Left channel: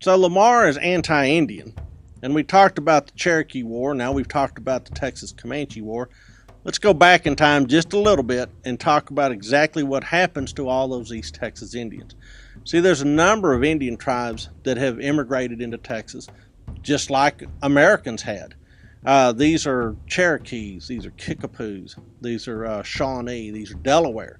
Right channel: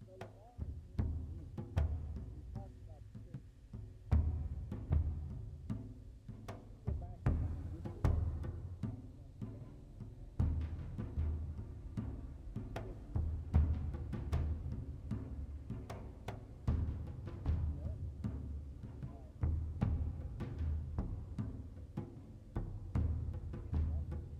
So Lamar is anti-Indian, and we talked about the Cherokee War. Now we've talked about the Texas Comanche War. Let's go back in time just a little bit and talk about exactly what happens to all those East Texas Indians. See, there's a number of Indian tribes that have immigrated into Texas, just like Americans had. These are Cherokees, these are Kickapoos, these are Shawnee, these are Delaware.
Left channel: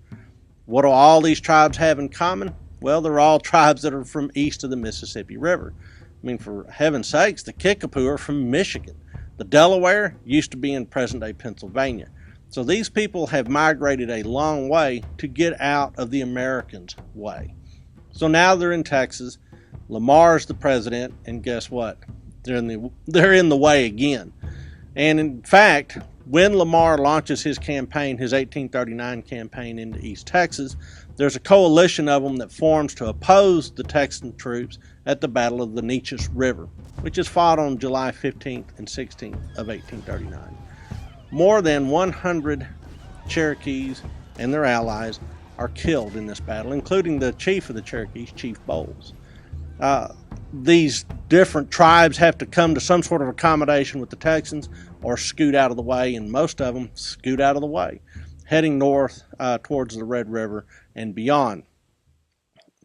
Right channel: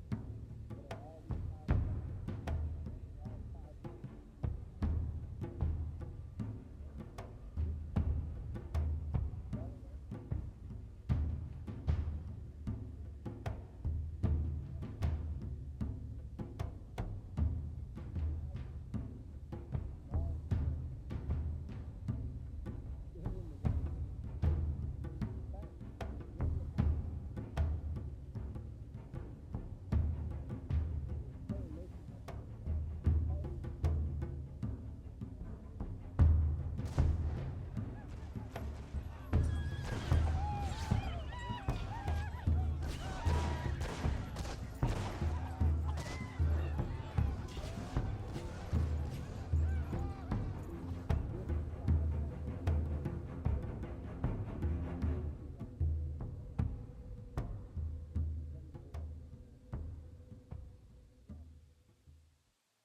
What do all these tribes have in common? Well, they're all tribes that are from east of the Mississippi River. I mean, for heaven's sakes, the Kickapoo are from Michigan. The Delaware used to be in present-day Pennsylvania. So these people have migrated a long way to get out of the Americans' way. So now they're in Texas. Lamar's the president, and guess what? They're in the way again. And in fact, when Lamar launches his campaign, his 1839 campaign into East Texas, there's a coalition of them that forms to oppose the Texan troops at the Battle of the Neches River, which is fought on July 15th and 16th of 1839. More than 100 Cherokees and their allies are killed in this battle, including the chief of the Cherokees, Chief Bowles. These different tribes have to come to some sort of accommodation with the Texans or scoot out of the way, and most of them scoot out of the way, heading north towards the Red River and beyond.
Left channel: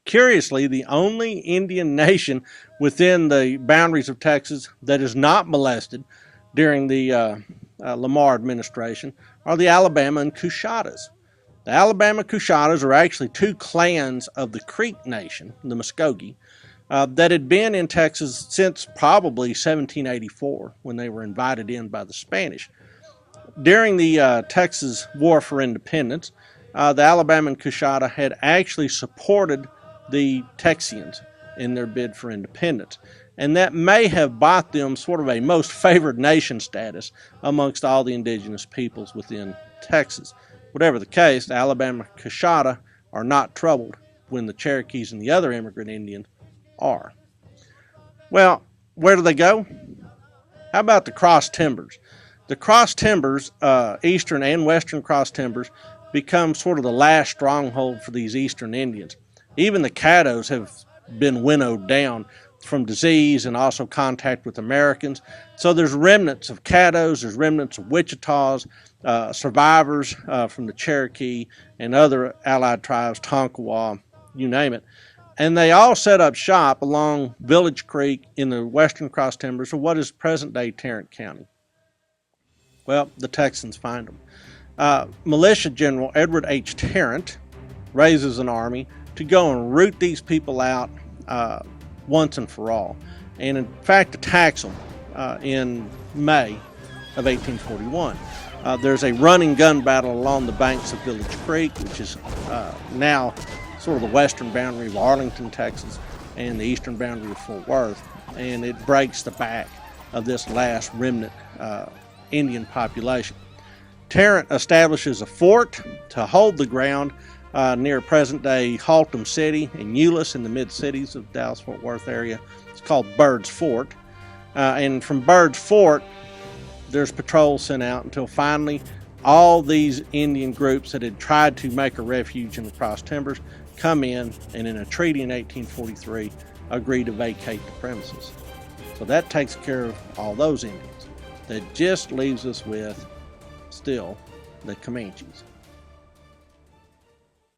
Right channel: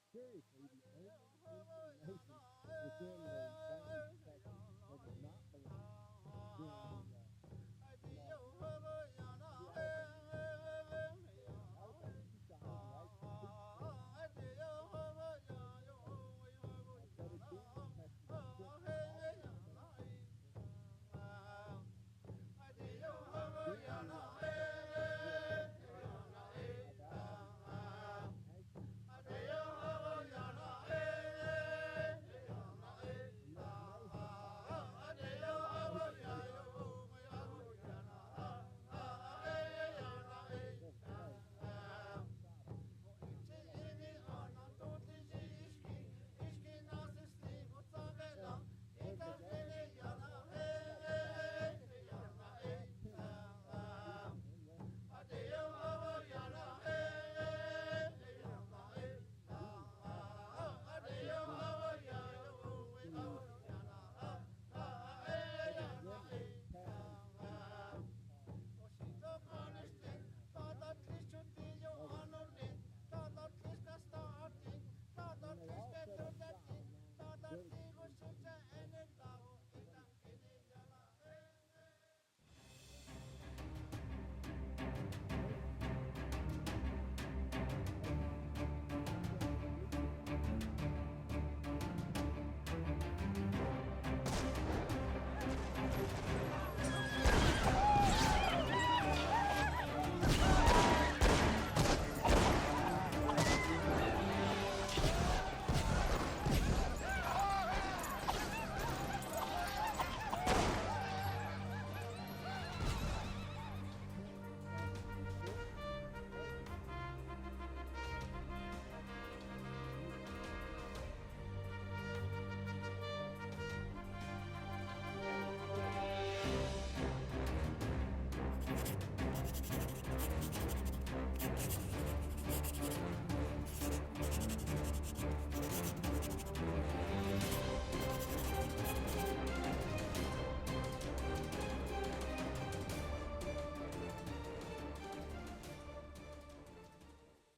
Curiously, the only Indian nation within the boundaries of Texas that is not molested during the Lamar administration are the Alabama and Coushattas. The Alabama-Coushattas are actually two clans of the Creek Nation, the Muskogee, that had been in Texas since probably 1784 when they were invited in by the Spanish. During the Texas War for Independence, the Alabama and Coushatta had actually supported the Texians in their bid for independence, and that may have bought them sort of a most favored nation status amongst all the indigenous peoples within Texas. Whatever the case, the Alabama-Coushatta are not troubled when the Cherokees and the other immigrant Indians are. Well, where do they go? How about the cross timbers? The cross timbers, eastern and western cross timbers, become sort of the last stronghold for these eastern Indians. Even the Caddos have been winnowed down from disease and also contact with Americans. So there's remnants of Caddos, there's remnants of Wichitas, survivors from the Cherokee and other allied tribes, Tonkawa, you name it. And they all set up shop along Village Creek in the western cross timbers of what is present-day Tarrant County. Well, the Texans find them. Militia General Edward H. Tarrant raises an army to go and root these people out once and for all, and in fact attacks them in May of 1841. There's a running gun battle along the banks of Village Creek, which is now sort of the western boundary of Arlington, Texas, and the eastern boundary of Fort Worth, and it breaks the back of this last remnant Indian population. Tarrant establishes a fort to hold the ground near present-day Haltom City and Euless in the mid-cities of Dallas-Fort Worth area. It's called Bird's Fort. And from Bird's Fort, there's patrols sent out until finally all these Indian groups that had tried to make a refuge in the cross timbers come in, and in a treaty in 1843, agree to vacate the premises. So that takes care of all those Indians. That just leaves us with, still, the Comanches.